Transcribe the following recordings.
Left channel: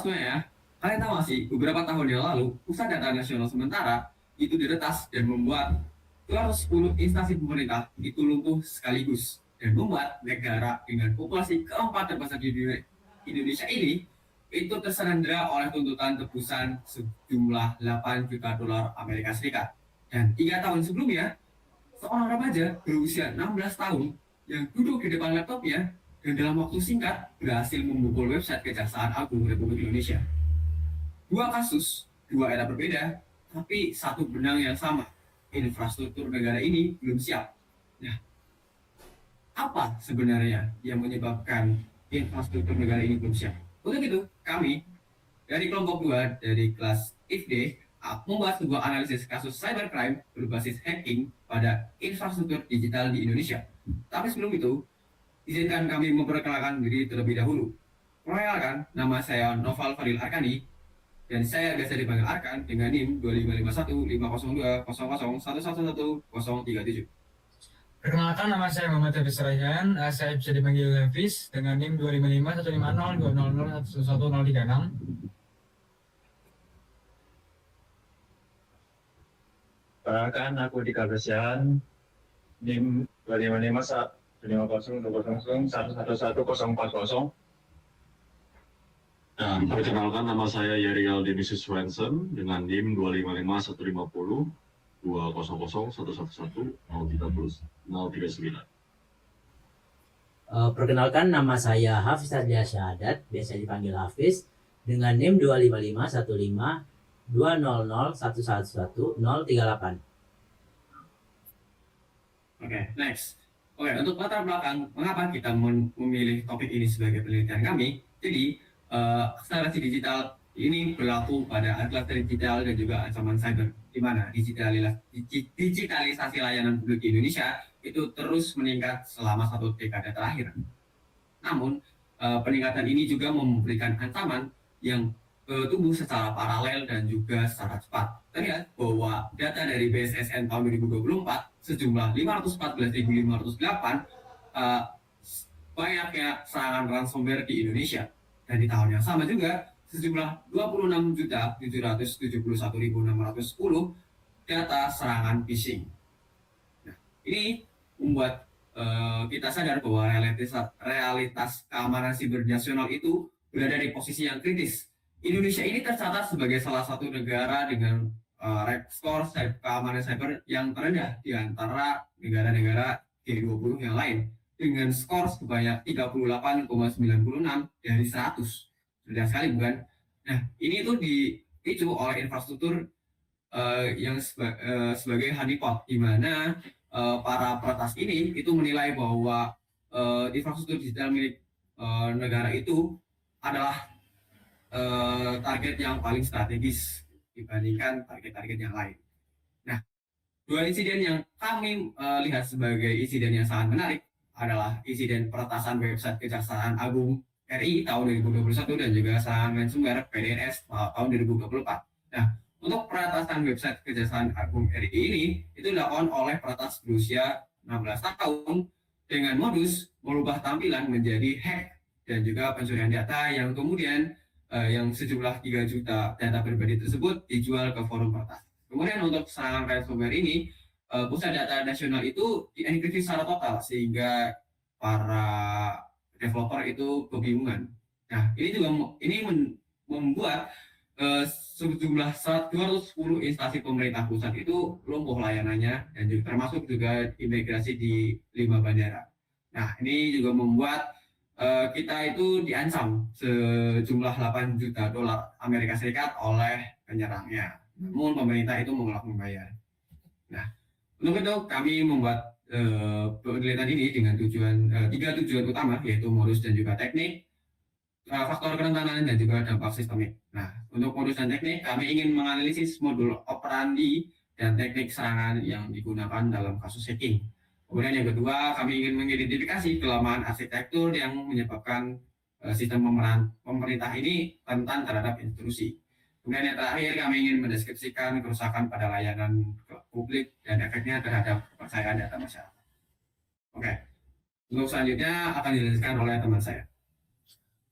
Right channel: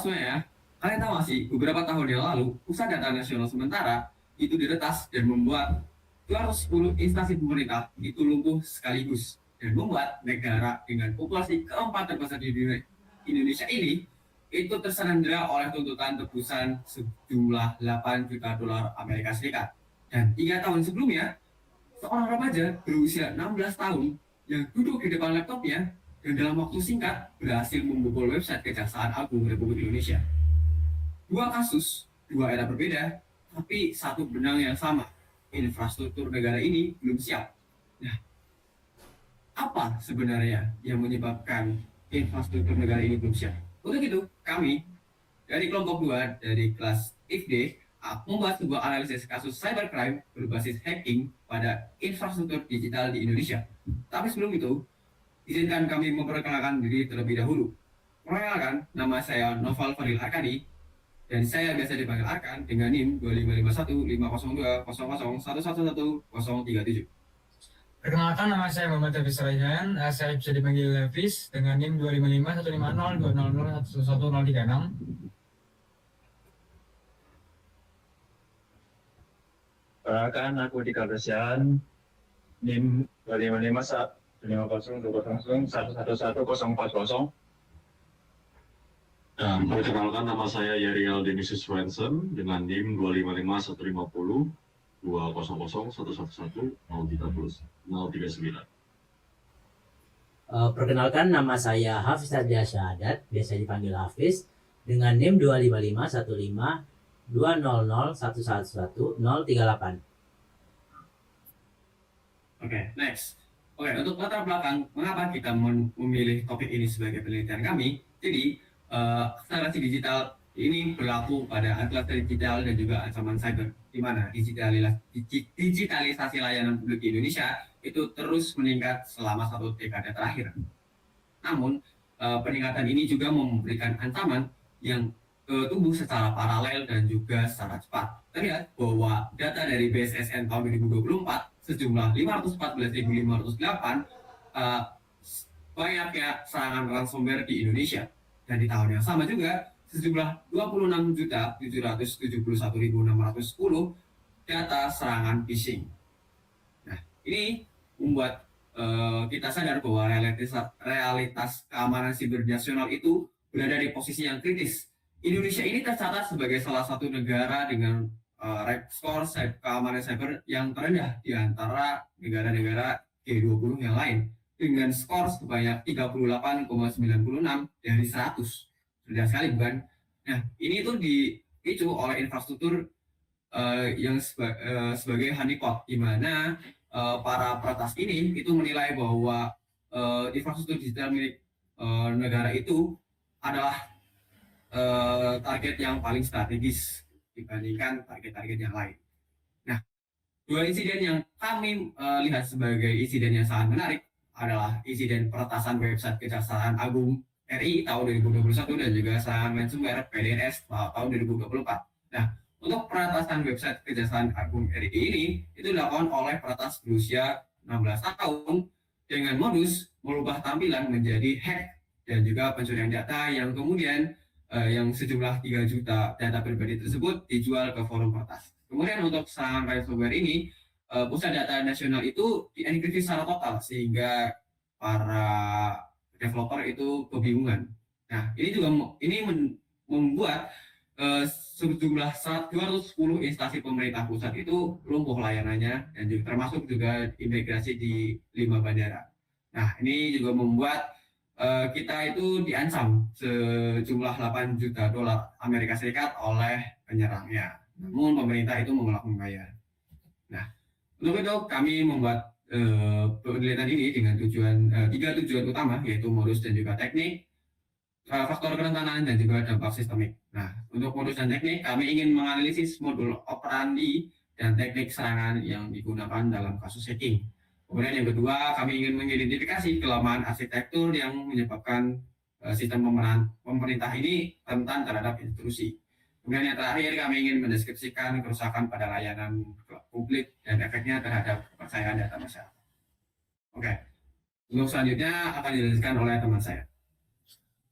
semuanya ya. Kalian tahu nggak sih, beberapa tahun yang lalu, Pusat Data Nasional Sementara itu diretas dan membuat 210 instansi pemerintah itu lumpuh sekaligus dan membuat negara dengan populasi keempat terbesar di dunia Indonesia ini itu tersandera oleh tuntutan tebusan sejumlah 8 juta dolar Amerika Serikat. Dan 3 tahun sebelumnya, seorang remaja berusia 16 tahun yang duduk di depan laptopnya dan dalam waktu singkat berhasil membobol website Kejaksaan Agung Republik Indonesia. Dua kasus, dua era berbeda, tapi satu benang yang sama. Infrastruktur negara ini belum siap. Nah, apa sebenarnya yang menyebabkan infrastruktur negara ini belum siap? Untuk itu, kami dari kelompok 2 dari kelas IFD membuat sebuah analisis kasus cybercrime berbasis hacking pada infrastruktur digital di Indonesia. Tapi sebelum itu, izinkan kami memperkenalkan diri terlebih dahulu. Perkenalkan, nama saya Noval Fadil Arkani dan saya biasa dipanggil Arkan dengan NIM 2551502001111037. Perkenalkan, nama saya Muhammad Hafiz Raihan. Saya bisa dipanggil Hafiz dengan NIM 255150200111036. Perkenalkan, aku Dika Bersian, NIM 255150200111040. Dan perkenalkan, nama saya Yerial Denisius Swenson dengan NIM 25515502000111039. Perkenalkan, nama saya Hafiz Adlia Syahadat, biasa dipanggil Hafiz, dengan NIM 255152001111038. Oke, next. Oke, untuk latar belakang mengapa kita memilih topik ini sebagai penelitian kami. Jadi, akselerasi digital ini berlaku pada akselerasi digital dan juga ancaman cyber, di mana digitalisasi layanan publik di Indonesia itu terus meningkat selama 1 dekade terakhir. Namun, peningkatan ini juga memberikan ancaman yang tumbuh secara paralel dan juga secara cepat. Terlihat bahwa data dari BSSN tahun 2024 sejumlah 514.508 banyaknya serangan ransomware di Indonesia. Dan di tahun yang sama juga sejumlah 26.771.610 data serangan phishing. Nah, ini membuat kita sadar bahwa realitas keamanan siber nasional itu berada di posisi yang kritis. Indonesia ini tercatat sebagai salah satu negara dengan skor keamanan cyber yang terendah di antara negara-negara G20 yang lain, dengan skor sebanyak 38,96 dari 100. Sudah sekali, bukan? Nah, ini itu dipicu oleh infrastruktur yang sebagai honeypot, di mana para peretas ini itu menilai bahwa infrastruktur digital milik negara itu adalah target yang paling strategis dibandingkan target-target yang lain. Nah, dua insiden yang kami lihat sebagai insiden yang sangat menarik adalah insiden peretasan website Kejaksaan Agung RI tahun 2021 dan juga serangan ransomware PDNS tahun 2024. Nah, untuk peretasan website Kejaksaan Agung RI ini itu dilakukan oleh peretas berusia 16 tahun dengan modus merubah tampilan menjadi hack dan juga pencurian data yang kemudian yang sejumlah 3 juta data pribadi tersebut dijual ke forum peretas. Kemudian untuk serangan ransomware ini, Pusat Data Nasional itu dienkripsi secara total sehingga para developer itu kebingungan. Nah, ini juga membuat sejumlah 210 instansi pemerintah pusat itu lumpuh layanannya dan juga termasuk juga imigrasi di 5 bandara. Nah, ini juga membuat kita itu diancam sejumlah 8 juta dolar Amerika Serikat oleh penyerangnya. Namun pemerintah itu menolak membayar. Nah, untuk itu kami membuat penelitian ini dengan tiga tujuan utama, yaitu modus dan juga teknik, faktor kerentanan dan juga dampak sistemik. Nah, untuk modus dan teknik, kami ingin menganalisis modul operandi dan teknik serangan yang digunakan dalam kasus hacking. Kemudian yang kedua, kami ingin mengidentifikasi kelemahan arsitektur yang menyebabkan sistem pemerintah ini rentan terhadap intrusi. Kemudian yang terakhir, kami ingin mendeskripsikan kerusakan pada layanan publik dan efeknya terhadap kepercayaan data masyarakat. Oke, untuk selanjutnya akan dijelaskan oleh teman saya.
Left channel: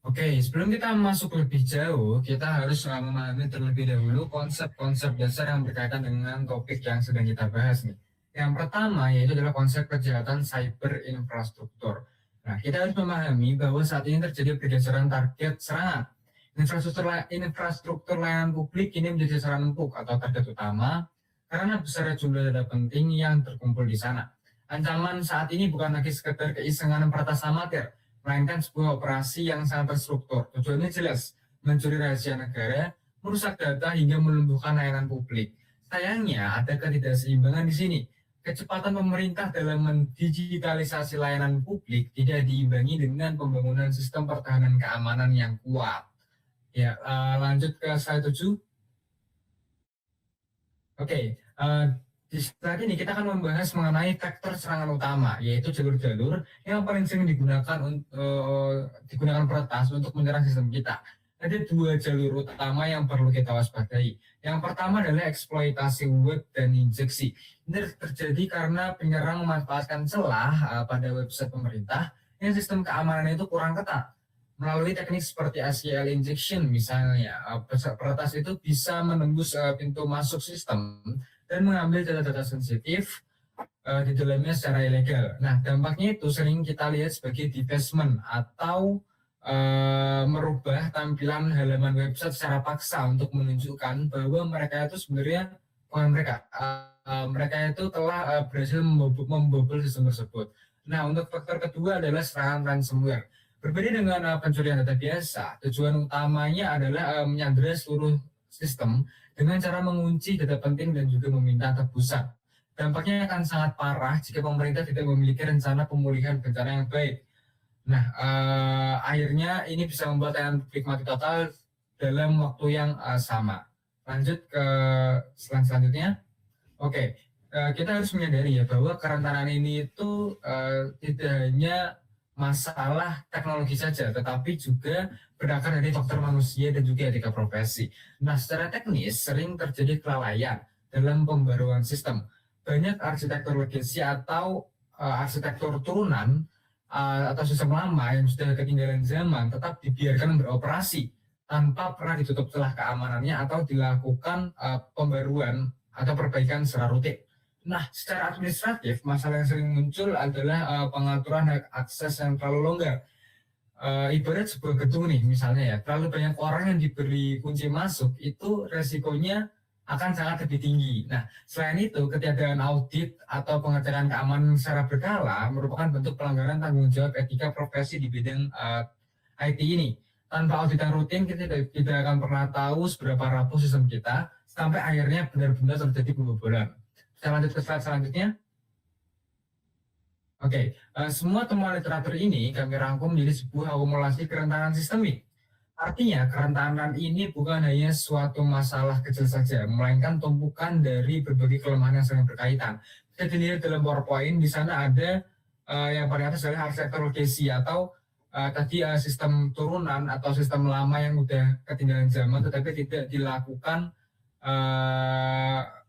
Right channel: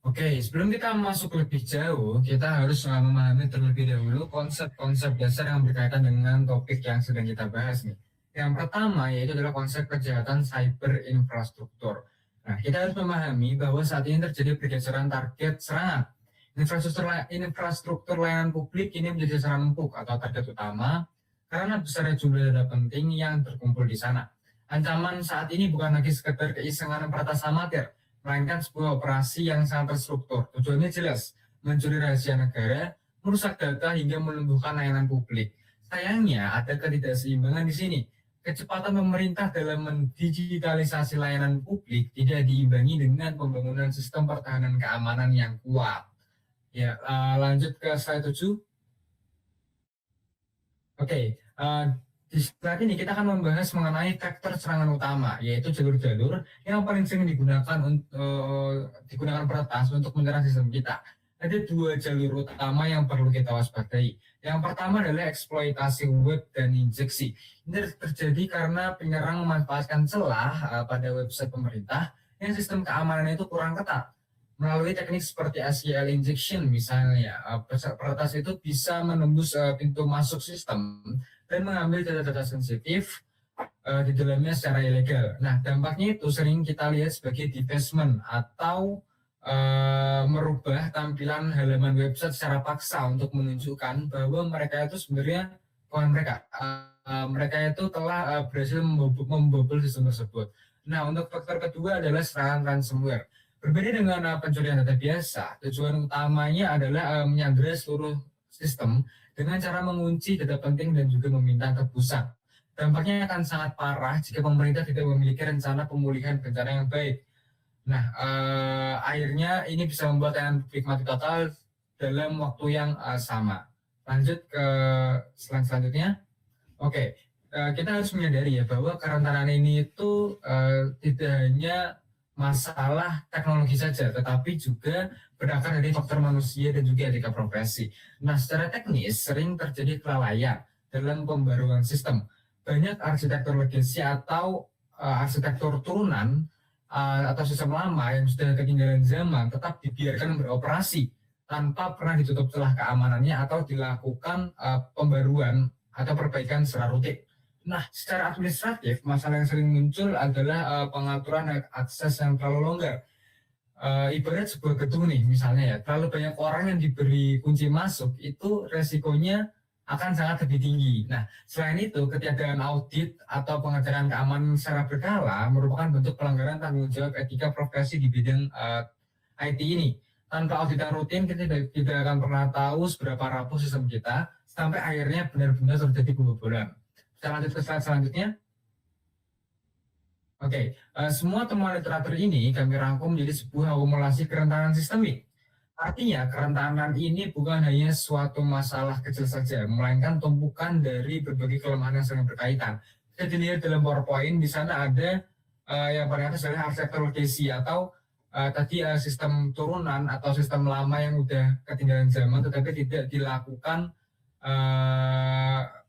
Oke, sebelum kita masuk lebih jauh, kita harus memahami terlebih dahulu konsep-konsep dasar yang berkaitan dengan topik yang sedang kita bahas nih. Yang pertama yaitu adalah konsep kejahatan cyber infrastruktur. Nah, kita harus memahami bahwa saat ini terjadi pergeseran target serangan. Infrastruktur layanan publik ini menjadi sasaran empuk atau target utama karena besarnya jumlah data penting yang terkumpul di sana. Ancaman saat ini bukan lagi sekedar keisengan peratas amatir, melainkan sebuah operasi yang sangat terstruktur. Tujuannya jelas, mencuri rahasia negara, merusak data hingga melumpuhkan layanan publik. Sayangnya ada ketidakseimbangan di sini. Kecepatan pemerintah dalam mendigitalisasi layanan publik tidak diimbangi dengan pembangunan sistem pertahanan keamanan yang kuat. Ya, lanjut ke slide 7. Oke, di slide ini kita akan membahas mengenai vektor serangan utama, yaitu jalur-jalur yang paling sering digunakan peretas untuk menyerang sistem kita. Ada dua jalur utama yang perlu kita waspadai. Yang pertama adalah eksploitasi web dan injeksi. Ini terjadi karena penyerang memanfaatkan celah pada website pemerintah yang sistem keamanannya itu kurang ketat. Melalui teknik seperti SQL injection misalnya, peretas itu bisa menembus pintu masuk sistem dan mengambil data-data sensitif di dalamnya secara ilegal. Nah, dampaknya itu sering kita lihat sebagai defacement atau merubah tampilan halaman website secara paksa untuk menunjukkan bahwa mereka itu sebenarnya bukan mereka itu telah berhasil membobol sistem tersebut. Nah, untuk faktor kedua adalah serangan ransomware. Berbeda dengan pencurian data biasa, tujuan utamanya adalah menyandera seluruh sistem dengan cara mengunci data penting dan juga meminta tebusan. Dampaknya akan sangat parah jika pemerintah tidak memiliki rencana pemulihan bencana yang baik. Nah, akhirnya ini bisa membuat layanan publik mati total dalam waktu yang sama. Lanjut ke slide selanjutnya. Oke, kita harus menyadari ya bahwa kerentanan ini itu tidak hanya masalah teknologi saja, tetapi juga berakar dari faktor manusia dan juga etika profesi. Nah, secara teknis sering terjadi kelalaian dalam pembaruan sistem. Banyak arsitektur legacy atau arsitektur turunan atau sistem lama yang sudah ketinggalan zaman tetap dibiarkan beroperasi tanpa pernah ditutup celah keamanannya atau dilakukan pembaruan atau perbaikan secara rutin. Nah, secara administratif, masalah yang sering muncul adalah pengaturan akses yang terlalu longgar. Ibarat sebuah gedung nih, misalnya ya, terlalu banyak orang yang diberi kunci masuk, itu resikonya akan sangat lebih tinggi. Nah, selain itu, ketiadaan audit atau pengecekan keamanan secara berkala merupakan bentuk pelanggaran tanggung jawab etika profesi di bidang IT ini. Tanpa audit yang rutin, kita tidak akan pernah tahu seberapa rapuh sistem kita, sampai akhirnya benar-benar terjadi pembobolan. Kita lanjut ke slide selanjutnya. Oke, semua temuan literatur ini kami rangkum menjadi sebuah akumulasi kerentanan sistemik. Artinya, kerentanan ini bukan hanya suatu masalah kecil saja, melainkan tumpukan dari berbagai kelemahan yang saling berkaitan. Kita dilihat dalam PowerPoint, di sana ada yang paling atas adalah arsitektur legacy atau tadi sistem turunan atau sistem lama yang udah ketinggalan zaman, tetapi tidak dilakukan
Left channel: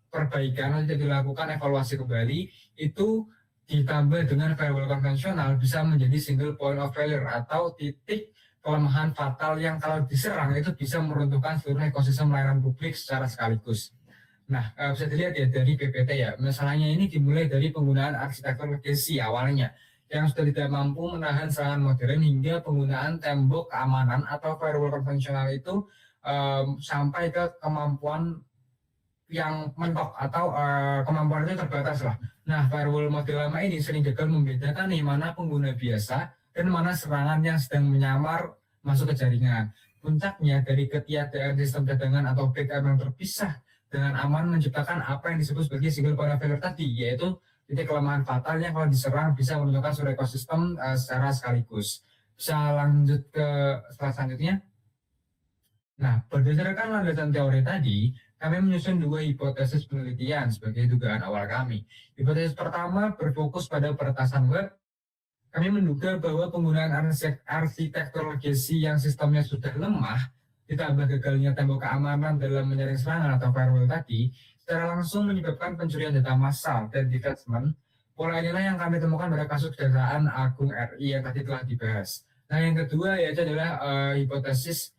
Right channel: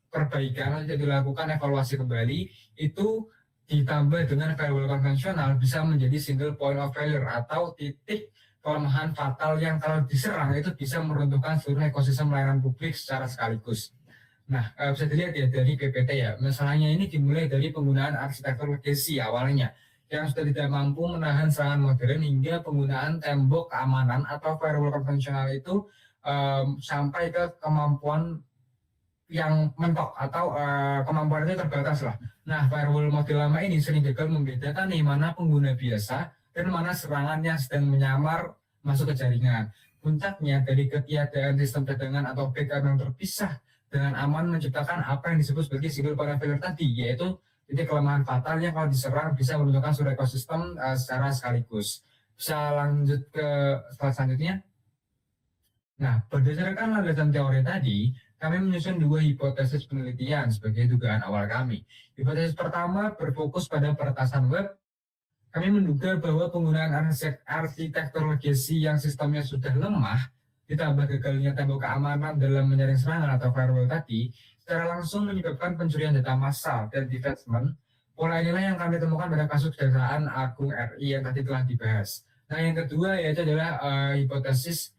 perbaikan, tidak dilakukan evaluasi kembali, itu ditambah dengan firewall konvensional bisa menjadi single point of failure atau titik kelemahan fatal yang kalau diserang itu bisa meruntuhkan seluruh ekosistem layanan publik secara sekaligus. Nah, bisa dilihat ya dari PPT ya, misalnya ini dimulai dari penggunaan arsitektur legacy awalnya yang sudah tidak mampu menahan serangan modern hingga penggunaan tembok keamanan atau firewall konvensional itu sampai ke kemampuan yang mentok atau kemampuan itu terbatas lah. Nah, firewall model lama ini sering gagal membedakan nih mana pengguna biasa dan mana serangan yang sedang menyamar masuk ke jaringan. Puncaknya dari ketiadaan sistem cadangan atau backup yang terpisah dengan aman menciptakan apa yang disebut sebagai single point of failure tadi, yaitu titik kelemahan fatal yang kalau diserang bisa menunjukkan seluruh ekosistem secara sekaligus. Bisa lanjut ke slide selanjutnya. Nah, berdasarkan landasan teori tadi, kami menyusun dua hipotesis penelitian sebagai dugaan awal kami. Hipotesis pertama berfokus pada peretasan web. Kami menduga bahwa penggunaan arsitektur legacy yang sistemnya sudah lemah, ditambah gagalnya tembok keamanan dalam menyaring serangan atau firewall tadi, secara langsung menyebabkan pencurian data massal dan defacement. Pola inilah yang kami temukan pada kasus Kejaksaan Agung RI yang tadi telah dibahas. Nah, yang kedua yaitu adalah hipotesis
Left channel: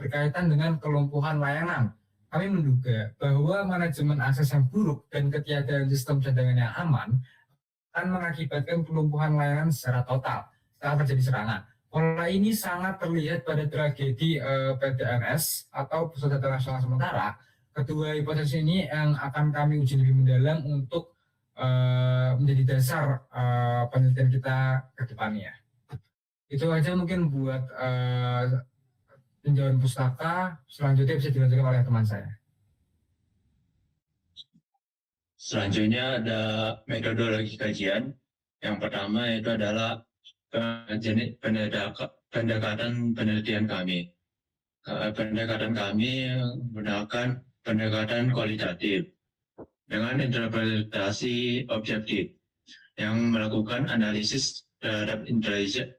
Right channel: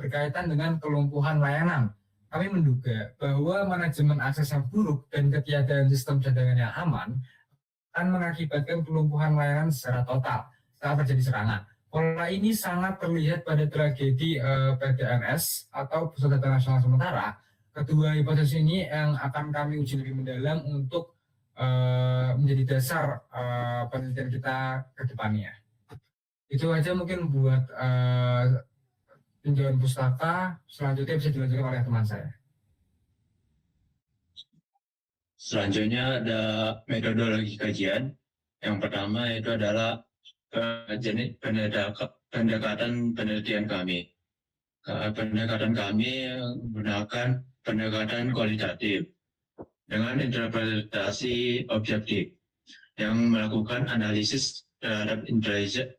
berkaitan dengan kelumpuhan layanan. Kami menduga bahwa manajemen akses yang buruk dan ketiadaan sistem cadangan yang aman akan mengakibatkan kelumpuhan layanan secara total saat terjadi serangan. Pola ini sangat terlihat pada tragedi PDNS atau Pusat Data Nasional Sementara. Kedua hipotesis ini yang akan kami uji lebih mendalam untuk menjadi dasar penelitian kita ke depannya. Itu aja mungkin buat tinjauan pustaka. Selanjutnya bisa dilanjutkan oleh teman saya. Selanjutnya ada metodologi kajian. Yang pertama itu adalah jenis pendekatan penelitian kami. Pendekatan kami menggunakan pendekatan kualitatif dengan interpretasi objektif yang melakukan analisis terhadap intelijen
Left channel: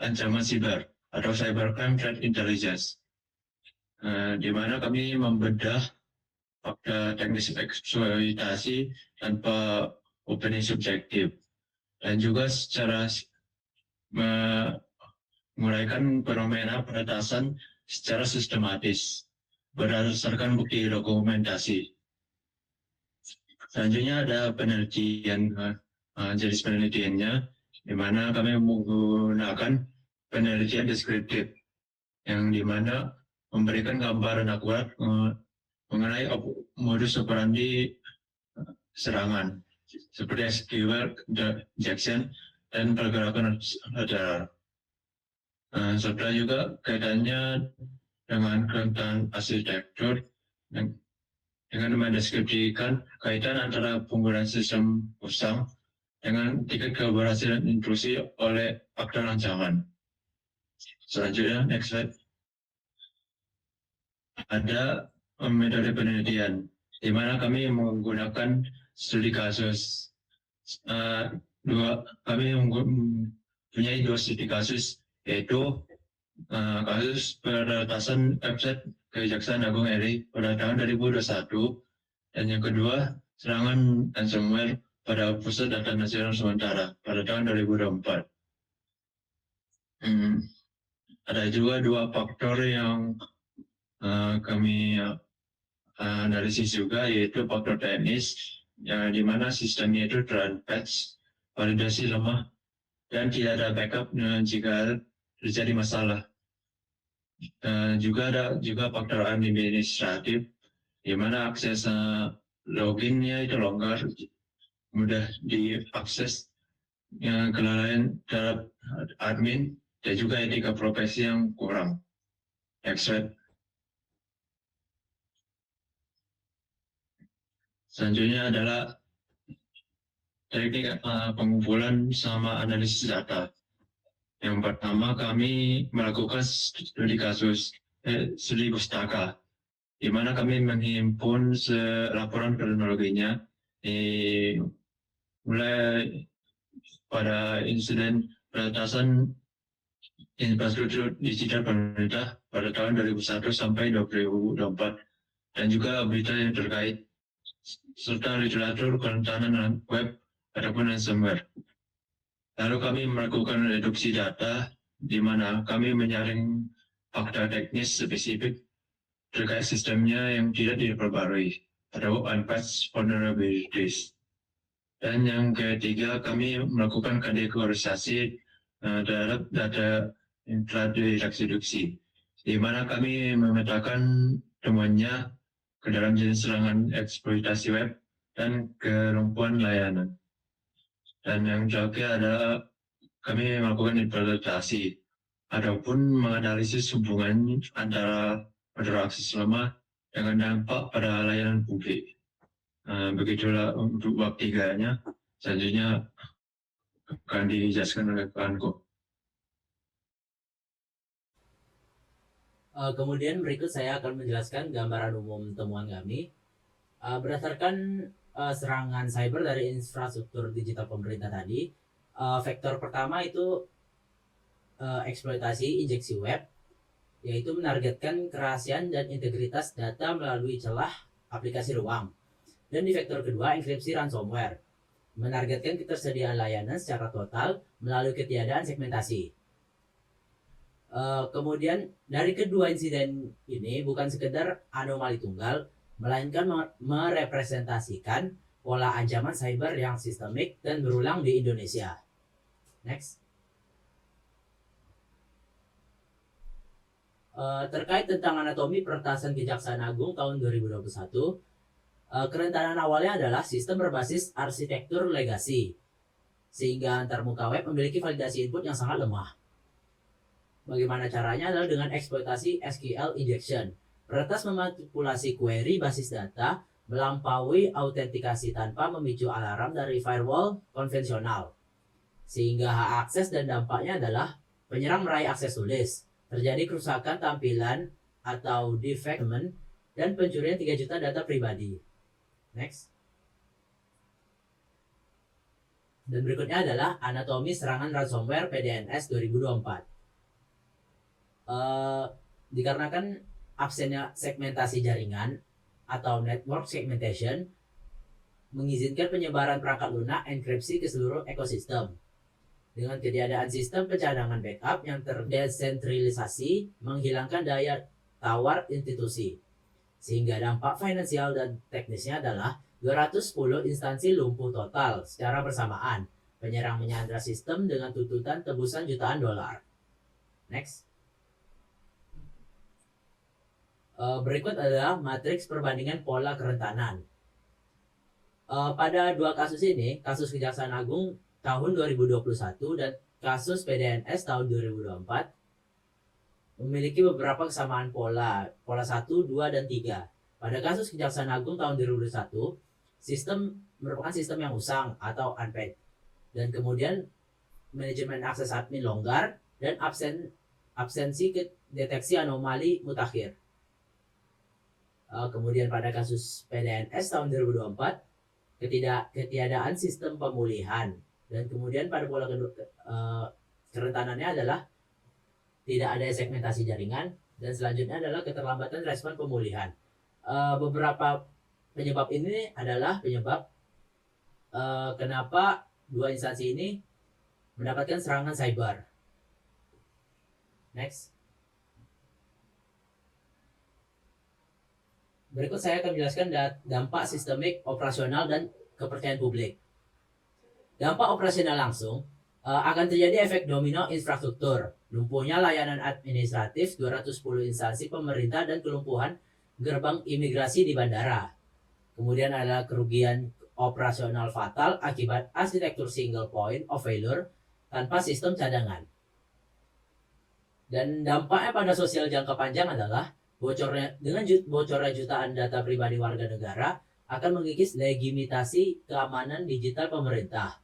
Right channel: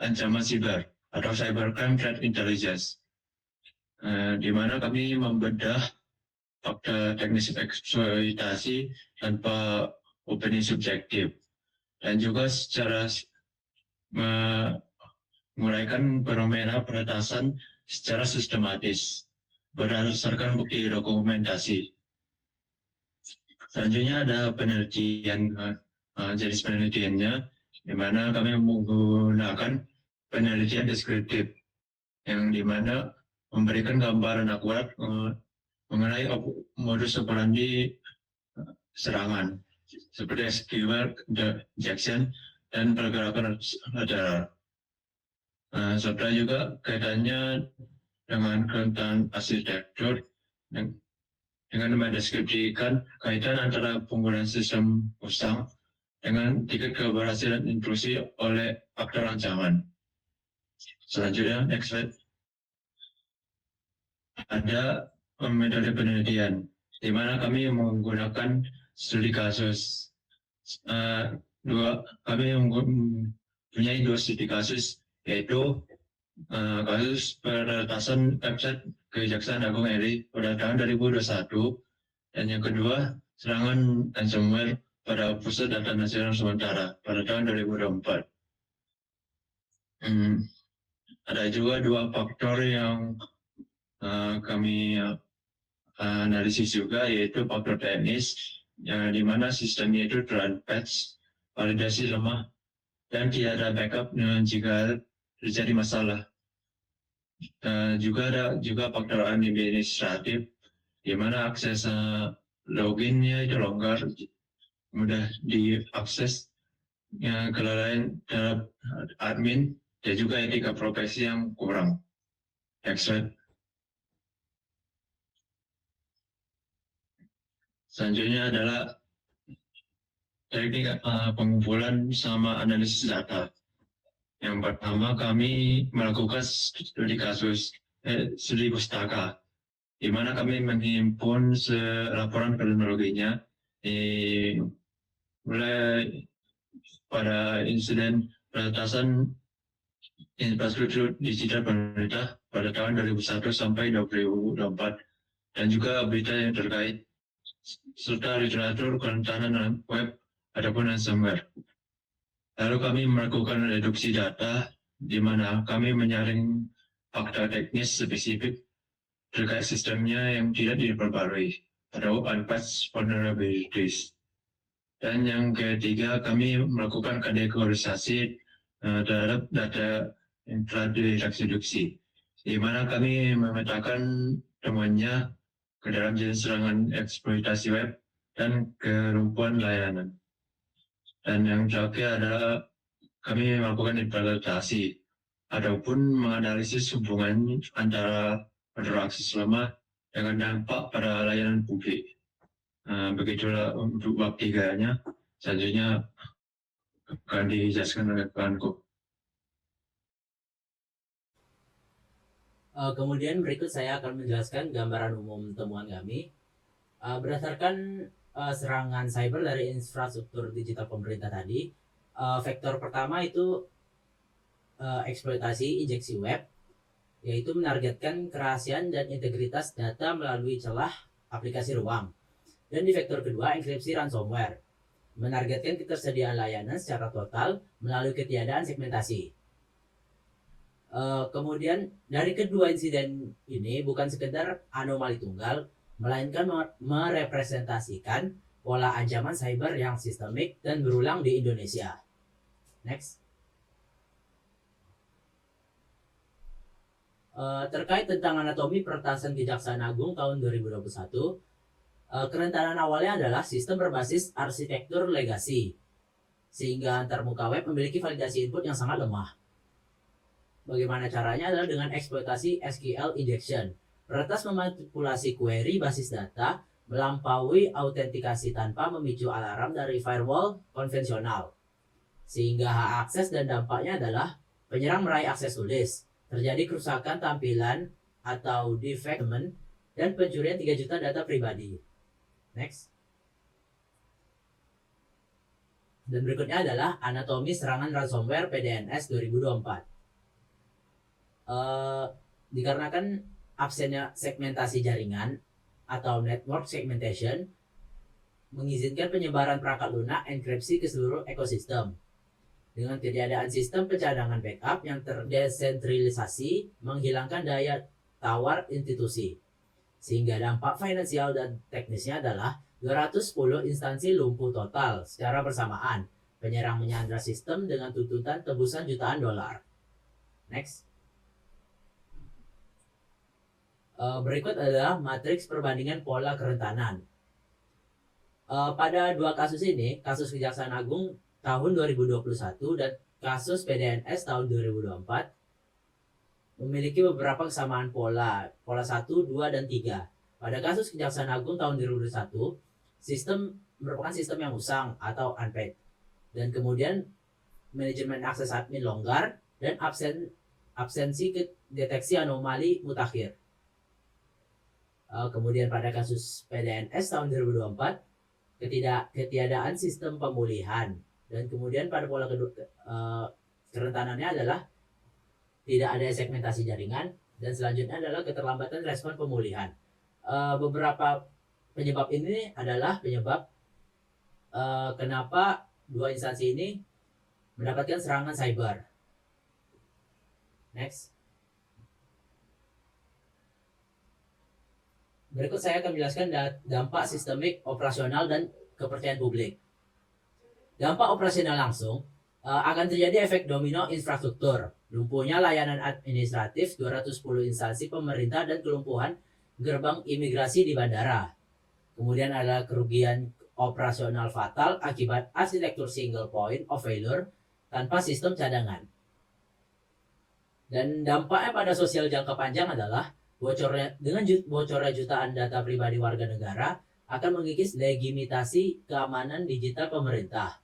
ancaman siber atau cybercrime threat intelligence, di mana kami membedah fakta teknis eksploitasi tanpa opini subjektif, dan juga secara menguraikan fenomena penetasan secara sistematis berdasarkan bukti dokumentasi. Selanjutnya ada penelitian, jenis penelitiannya, di mana kami menggunakan penelitian deskriptif, yang di mana memberikan gambaran akurat mengenai modus operandi serangan, seperti keyword, Jackson, dan pergerakan lateral. Serta juga kaitannya dengan kerentanan arsitektur dengan mendeskripsikan kaitan antara penggunaan sistem usang dengan tingkat keberhasilan intrusi oleh aktor ancaman. Selanjutnya, next slide. Ada metode penelitian, di mana kami menggunakan studi kasus. Kami mempunyai 2 studi kasus, yaitu kasus peretasan website Kejaksaan Agung RI pada tahun 2021, dan yang kedua serangan ransomware pada Pusat Data Nasional Sementara pada tahun 2024. Ada juga 2 faktor yang kami analisis juga, yaitu faktor teknis, yang dimana sistemnya itu terpatch, validasi lemah, dan tidak ada backup jika terjadi masalah. Juga ada faktor administratif, di mana akses loginnya itu longgar, mudah diakses, kelalaian terhadap admin, dan juga etika profesi yang kurang. Next slide. Selanjutnya adalah teknik pengumpulan sama analisis data. Yang pertama, kami melakukan studi kasus, studi pustaka, di mana kami menghimpun laporan kronologinya, mulai pada insiden peretasan infrastruktur digital pemerintah pada tahun 2001 sampai 2024, dan juga berita yang terkait, serta literatur kerentanan web ataupun ransomware. Lalu kami melakukan reduksi data, di mana kami menyaring fakta teknis spesifik terkait sistemnya yang tidak diperbarui atau unpatched vulnerabilities. Dan yang ketiga, kami melakukan kategorisasi terhadap data yang telah direduksi, di mana kami memetakan temuannya ke dalam jenis serangan eksploitasi web dan kelumpuhan layanan. Dan yang terakhir adalah kami melakukan implementasi ataupun menganalisis hubungan antara interaksi lemah dengan dampak pada layanan publik. Begitulah untuk bab 3-nya. Selanjutnya akan dijelaskan oleh kawanku. Kemudian berikut saya akan menjelaskan gambaran umum temuan kami. Berdasarkan serangan cyber dari infrastruktur digital pemerintah tadi, vektor pertama itu eksploitasi injeksi web, yaitu menargetkan kerahasiaan dan integritas data melalui celah aplikasi ruang. Dan di vektor kedua, enkripsi ransomware. menargetkan ketersediaan layanan secara total melalui ketiadaan segmentasi. Kemudian dari kedua insiden ini bukan sekedar anomali tunggal, melainkan merepresentasikan pola ancaman cyber yang sistemik dan berulang di Indonesia. Next. Terkait tentang anatomi peretasan Kejaksaan Agung tahun 2021, kerentanan awalnya adalah sistem berbasis arsitektur legasi, sehingga antarmuka web memiliki validasi input yang sangat lemah. Bagaimana caranya adalah dengan eksploitasi SQL injection. Peretas memanipulasi query basis data melampaui autentikasi tanpa memicu alarm dari firewall konvensional. Sehingga hak akses dan dampaknya adalah penyerang meraih akses tulis, terjadi kerusakan tampilan atau defacement, dan pencurian 3 juta data pribadi. Next. Dan berikutnya adalah anatomi serangan ransomware PDNS 2024. Dikarenakan absennya segmentasi jaringan atau network segmentation mengizinkan penyebaran perangkat lunak enkripsi ke seluruh ekosistem. Dengan ketiadaan sistem pencadangan backup yang terdesentralisasi menghilangkan daya tawar institusi. Sehingga dampak finansial dan teknisnya adalah 210 instansi lumpuh total secara bersamaan. Penyerang menyandra sistem dengan tuntutan tebusan jutaan dolar. Next. Berikut adalah matriks perbandingan pola kerentanan. Pada dua kasus ini, kasus Kejaksaan Agung tahun 2021 dan kasus PDNS tahun 2024, memiliki beberapa kesamaan pola 1, 2, dan 3. Pada kasus Kejaksaan Agung tahun 2021, sistem merupakan sistem yang usang atau unpaid. Dan kemudian manajemen akses admin longgar dan absensi deteksi anomali mutakhir. Kemudian pada kasus PDNS tahun 2024, ketiadaan sistem pemulihan. Dan kemudian pada pola kedua, kerentanannya adalah tidak ada segmentasi jaringan, dan selanjutnya adalah keterlambatan respon pemulihan. Beberapa penyebab ini adalah penyebab kenapa dua instansi ini mendapatkan serangan cyber. Next. Berikut saya akan menjelaskan dampak sistemik, operasional, dan kepercayaan publik. Dampak operasional langsung akan terjadi efek domino infrastruktur, lumpuhnya layanan administratif 210 instansi pemerintah dan kelumpuhan gerbang imigrasi di bandara. Kemudian ada kerugian operasional fatal akibat arsitektur single point of failure tanpa sistem cadangan. Dan dampaknya pada sosial jangka panjang adalah bocornya jutaan data pribadi warga negara akan mengikis legitimasi keamanan digital pemerintah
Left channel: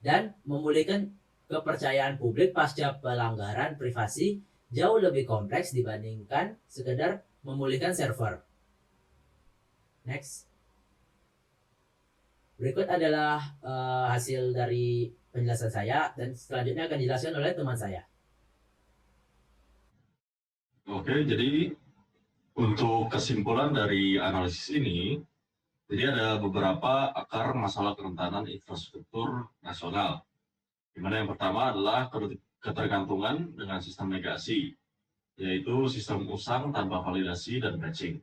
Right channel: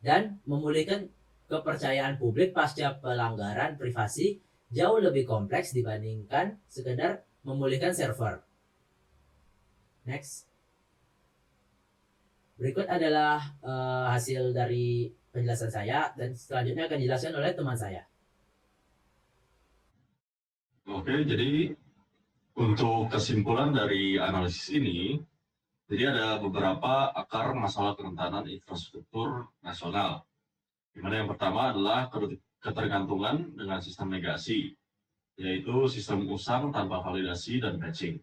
dan memulihkan kepercayaan publik pasca pelanggaran privasi jauh lebih kompleks dibandingkan sekedar memulihkan server. Next. Berikut adalah hasil dari penjelasan saya dan selanjutnya akan dijelaskan oleh teman saya. Oke, jadi untuk kesimpulan dari analisis ini, jadi ada beberapa akar masalah kerentanan infrastruktur nasional. Di mana yang pertama adalah ketergantungan dengan sistem legasi, yaitu sistem usang tanpa validasi dan patching.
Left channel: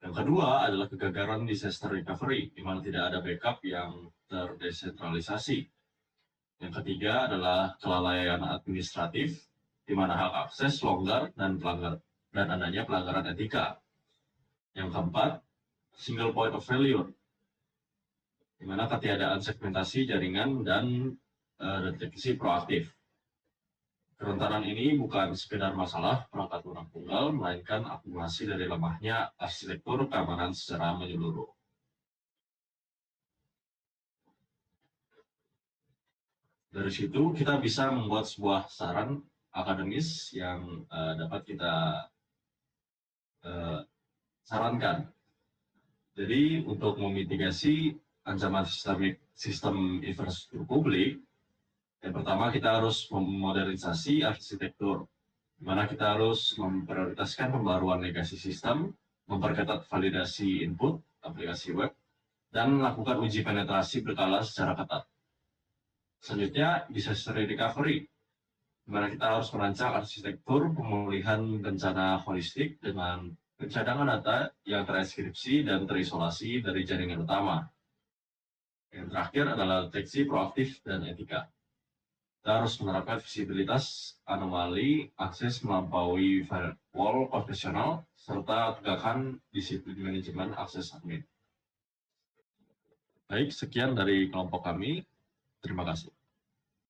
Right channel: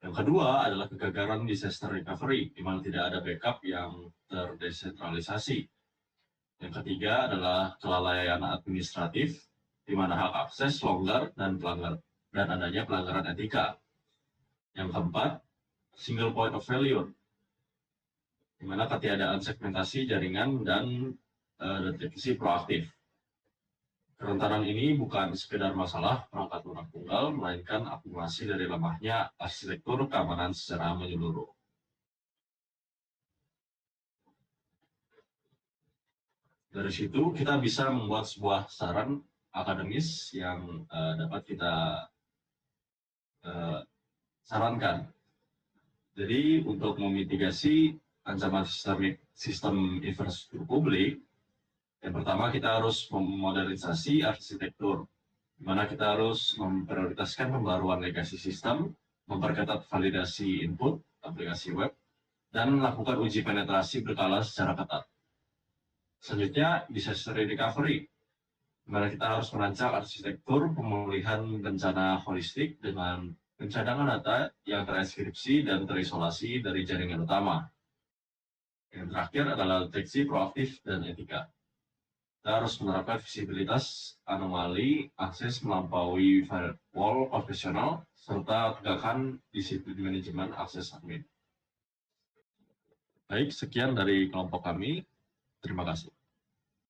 Yang kedua adalah kegagalan disaster recovery, di mana tidak ada backup yang terdesentralisasi. Yang ketiga adalah kelalaian administratif, di mana hak akses longgar dan adanya pelanggaran etika. Yang keempat, single point of failure, di mana ketiadaan segmentasi jaringan dan deteksi proaktif. Kerentanan ini bukan sekedar masalah perangkat lunak tunggal, melainkan akumulasi dari lemahnya arsitektur keamanan secara menyeluruh. Dari situ kita bisa membuat sebuah saran akademis yang dapat kita sarankan. Jadi untuk memitigasi ancaman sistem infrastruktur publik, yang pertama kita harus memodernisasi arsitektur, di mana kita harus memprioritaskan pembaruan legasi sistem, memperketat validasi input aplikasi web, dan melakukan uji penetrasi berkala secara ketat. Selanjutnya, disaster recovery, di mana kita harus merancang arsitektur pemulihan bencana holistik dengan pencadangan data yang tereskripsi dan terisolasi dari jaringan utama. Yang terakhir adalah deteksi proaktif dan etika. Kita harus menerapkan visibilitas, anomali, akses melampaui firewall konvensional, serta tegakkan disiplin manajemen akses admin. Baik, sekian dari kelompok kami. Terima kasih.